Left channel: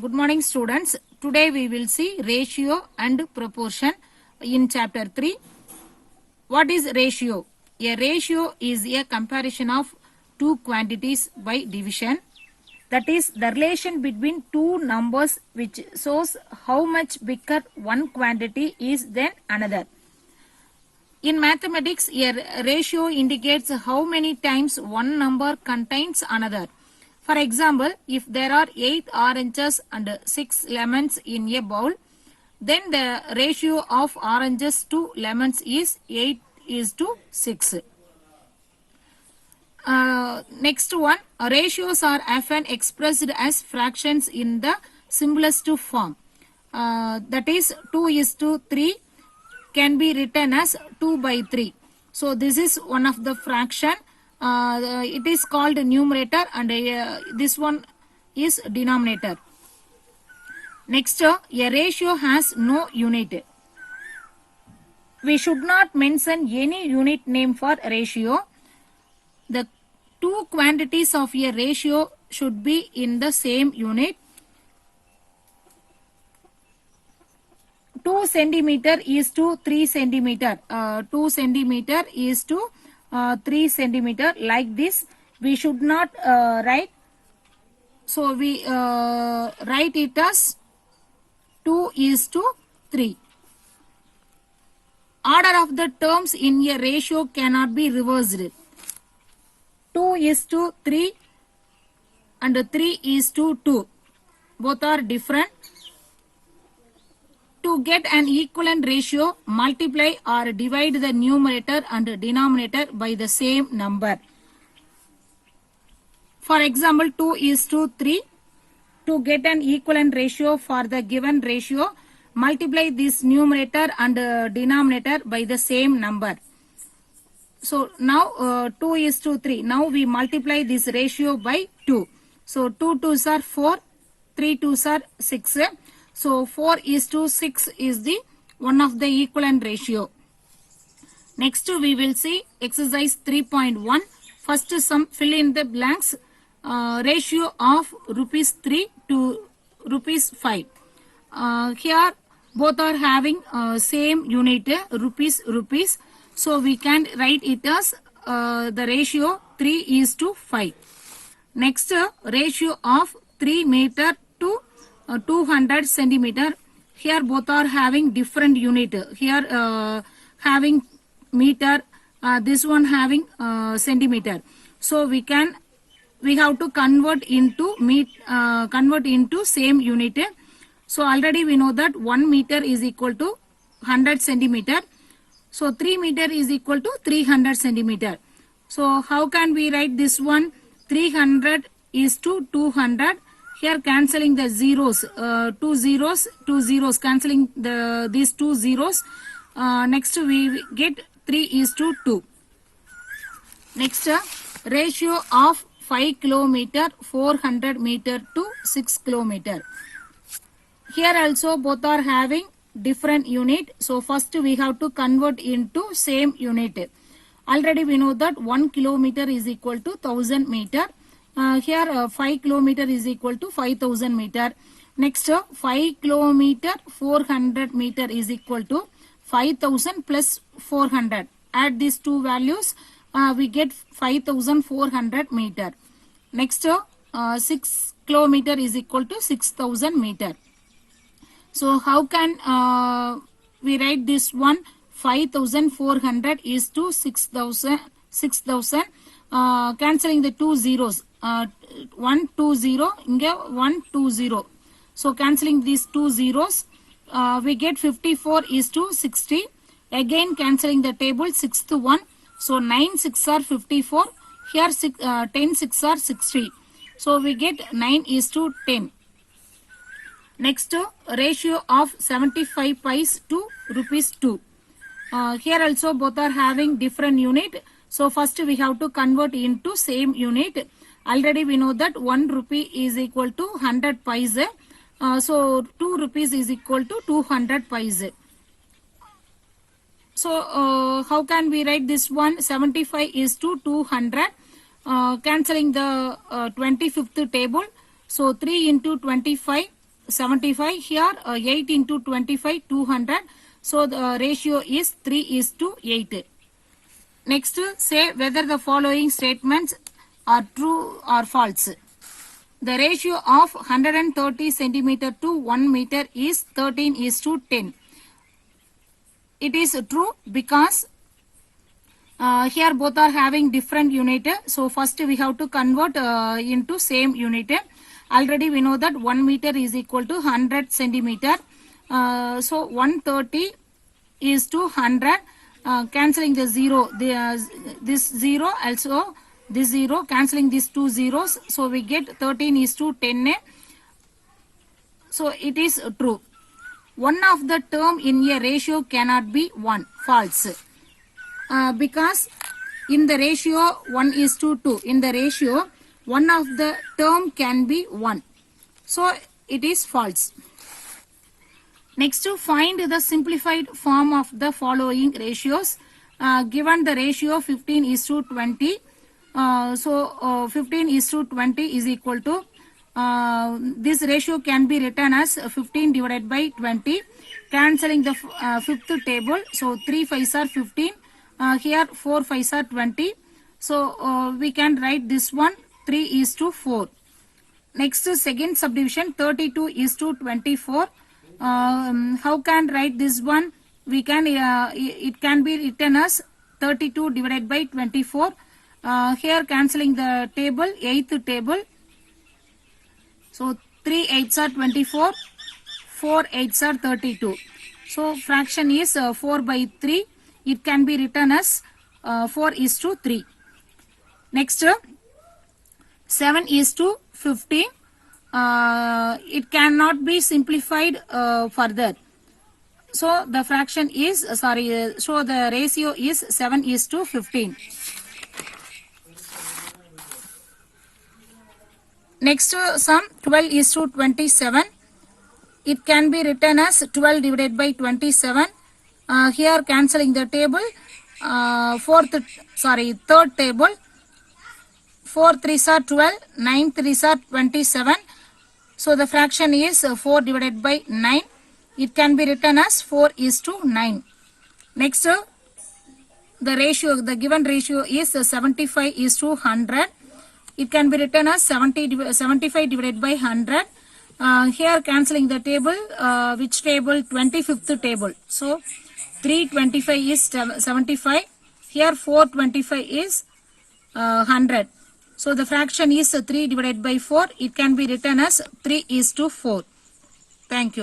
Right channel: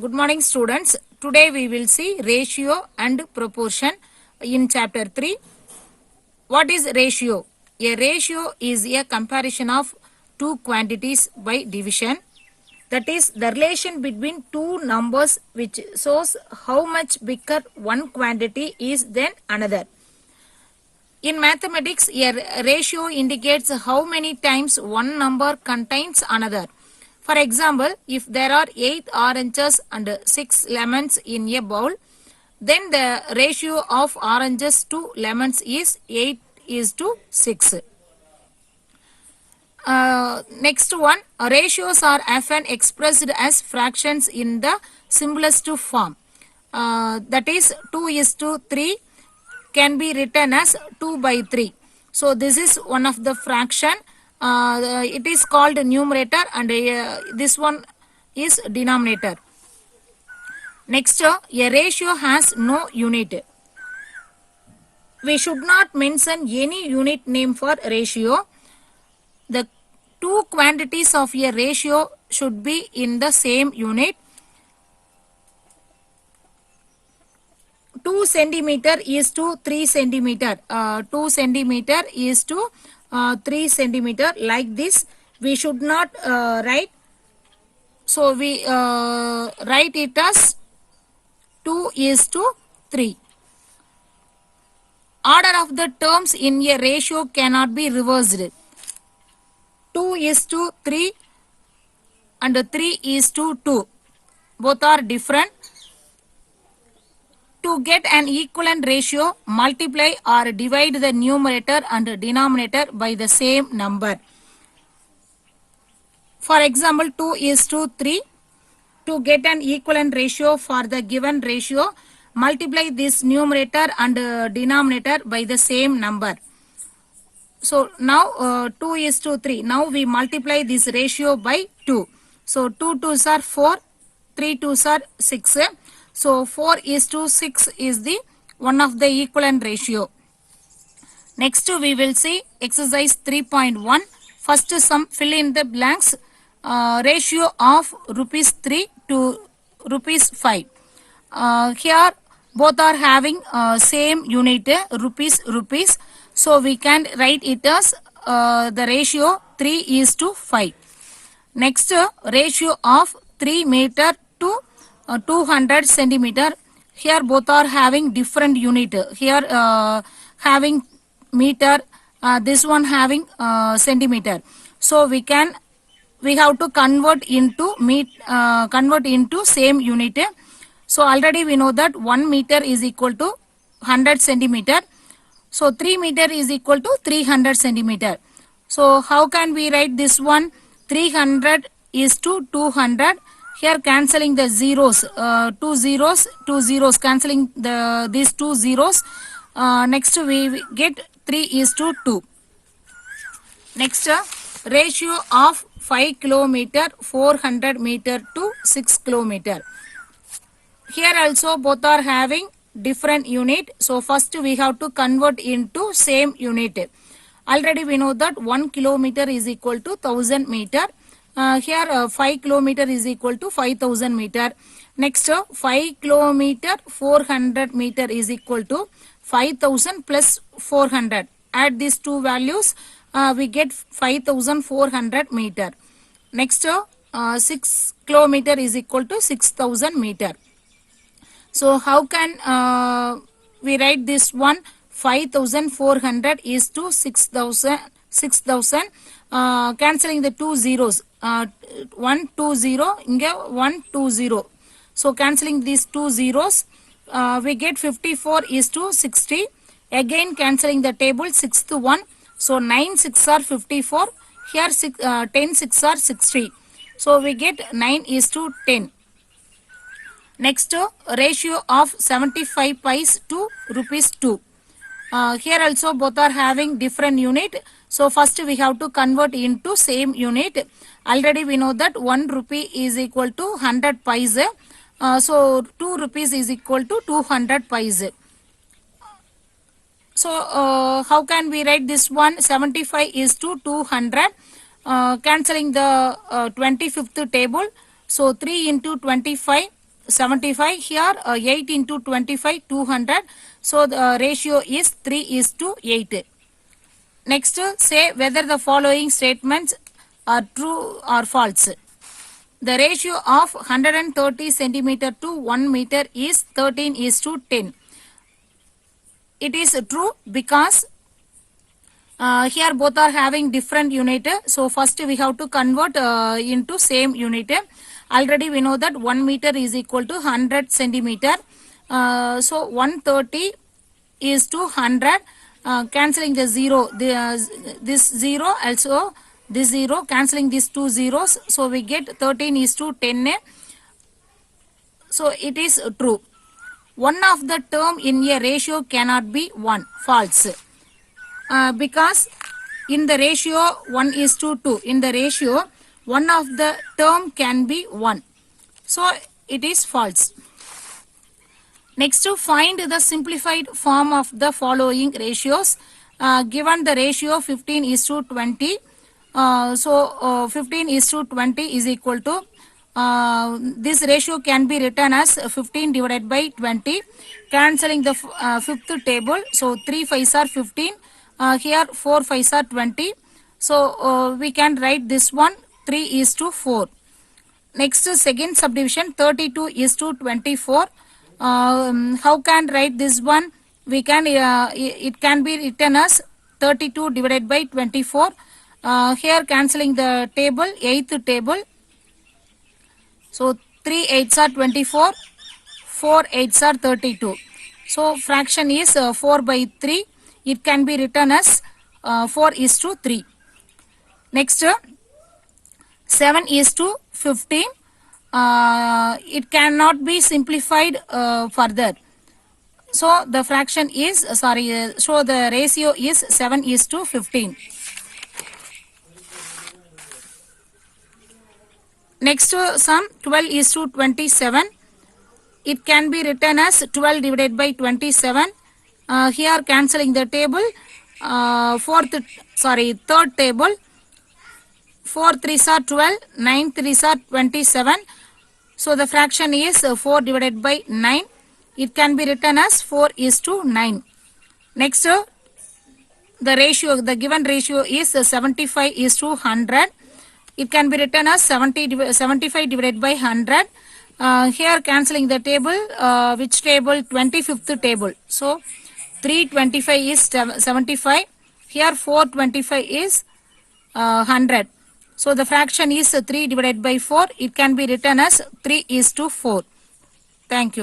Good morning, students. Today we will see ratio and proportion in chapter 3. What is ratio? A ratio is a comparison of two quantities by division. That is the relation between two numbers which shows how much bigger one quantity is than another. In mathematics, a ratio indicates how many times one number contains another. For example, if there are 8 oranges and 6 lemons in a bowl, then the ratio of oranges to lemons is 8 is to 6. Next one, ratios are often expressed as fractions in the simplest form. That is 2 is to 3 can be written as 2 by 3. So this is one of the fraction. It is called numerator and this one is denominator. Next, a ratio has no unit. We should not mention any unit name for ratio. The two quantities of a ratio should be in the same unit. 2 centimeter is to 3 centimeter. 2 centimeter is to 3 centimeter, like this. We should not write. So we write it as 2 is to 3. Order of the terms in a ratio cannot be reversed. 2 is to 3 and 3 is to 2. Both are different. To get an equivalent ratio, multiply or divide the numerator and denominator by the same number. For example, 2 is to 3. To get an equivalent ratio for the given ratio, multiply this numerator and denominator by the same number. So now 2 is to 3. Now we multiply this ratio by 2. So 2 2s are 4, 3 2s are 6. So 4 is to 6 is the one of the equivalent ratio. Next we will see exercise 3.1. First sum, fill in the blanks. Ratio of rupees 3 to rupees 5. Here both are having same unit, rupees. So we can write it as the ratio 3 is to 5. Next, ratio of 3 meter to 200 centimeter. Here both are having different unit. Here having meter, this one having centimeter. So we have to convert into same unit. So already we know that 1 meter is equal to 100 centimeter. So 3 meter is equal to 300 centimeter. So how can we write this one? 300 is to 200. Here cancelling the zeros, 2 zeros, cancelling these 2 zeros. Next we get 3 is to 2. Next, ratio of 5 kilometer, 400 meter to 6 kilometer. Here also both are having different unit. So first we have to convert into same unit. Already we know that 1 kilometer is equal to 1000 meter. Here 5 kilometer is equal to 5000 meter. Next 5 kilometer 400 meter is equal to 5000 plus 400. Add these two values, we get 5400 meter. Next 6 kilometer is equal to 6000 meter. So how can we write this one? 5400 is to 6000. Cancelling the 2 zeros. 1 2 0, 1 2 0. So cancelling these 2 zeros, we get 54 is to 60. Again cancelling the table 6 to 1. So 9 6 are 54. Here 10 6 are 60. So we get 9 is to 10. Next, ratio of 75 pice to rupees 2. Here also both are having different unit. So first we have to convert into same unit. Already we know that 1 rupee is equal to 100 paise. So 2 rupees is equal to 200 paise. So how can we write this one? 75 is to 200. Cancelling the 25th table. So 3 into 25. 75. Here 8 into 25, 200. So the ratio is 3:8. Next, say whether the following statements are true or false. The ratio of 130 centimeter to 1 meter is 13:10. It is true because here both are having different unit. So first we have to convert into same unit. Already we know that 1 meter is equal to 100 centimeter. So 130 is to 100. Cancelling the 0. This 0 also this 0. Cancelling these two zeros. So we get 13:10. So it is true. One of the term in a ratio cannot be 1. False. Because in the ratio 1:2, in the ratio one of the term can be 1. So it is false. Next, to find the simplified form of the following ratios. Given the ratio 15:20, so 15:20 is equal to this ratio can be written as 15 divided by 20. Cancelling the fifth table, so 3 5s are 15. Here 4 5s are 20. So we can write this one 3:4. Next, second subdivision 32:24. How can write this one? We can it can be written as 32 divided by 24. Here cancelling the table, 8th table. So 3 8s are 24, 4 8s are 32. So fraction is 4 by 3. It can be written as 4:3. Next, 7:15. It cannot be simplified further. So the fraction is so the ratio is 7:15. Next, sum 12:27. It can be written as 12 divided by 27. Here cancelling the table, third table. 4 3s are 12, 9 3s are 27. So the fraction is 4 divided by 9. It can be written as 4:9. Next, the ratio, the given ratio is 75:100. It can be written as 75 divided by 100. Here cancelling the table, which table? 25th table. So 325 is 75. Here 425 is 100. So the fraction is 3 divided by 4. It can be written as 3:4. Thank you.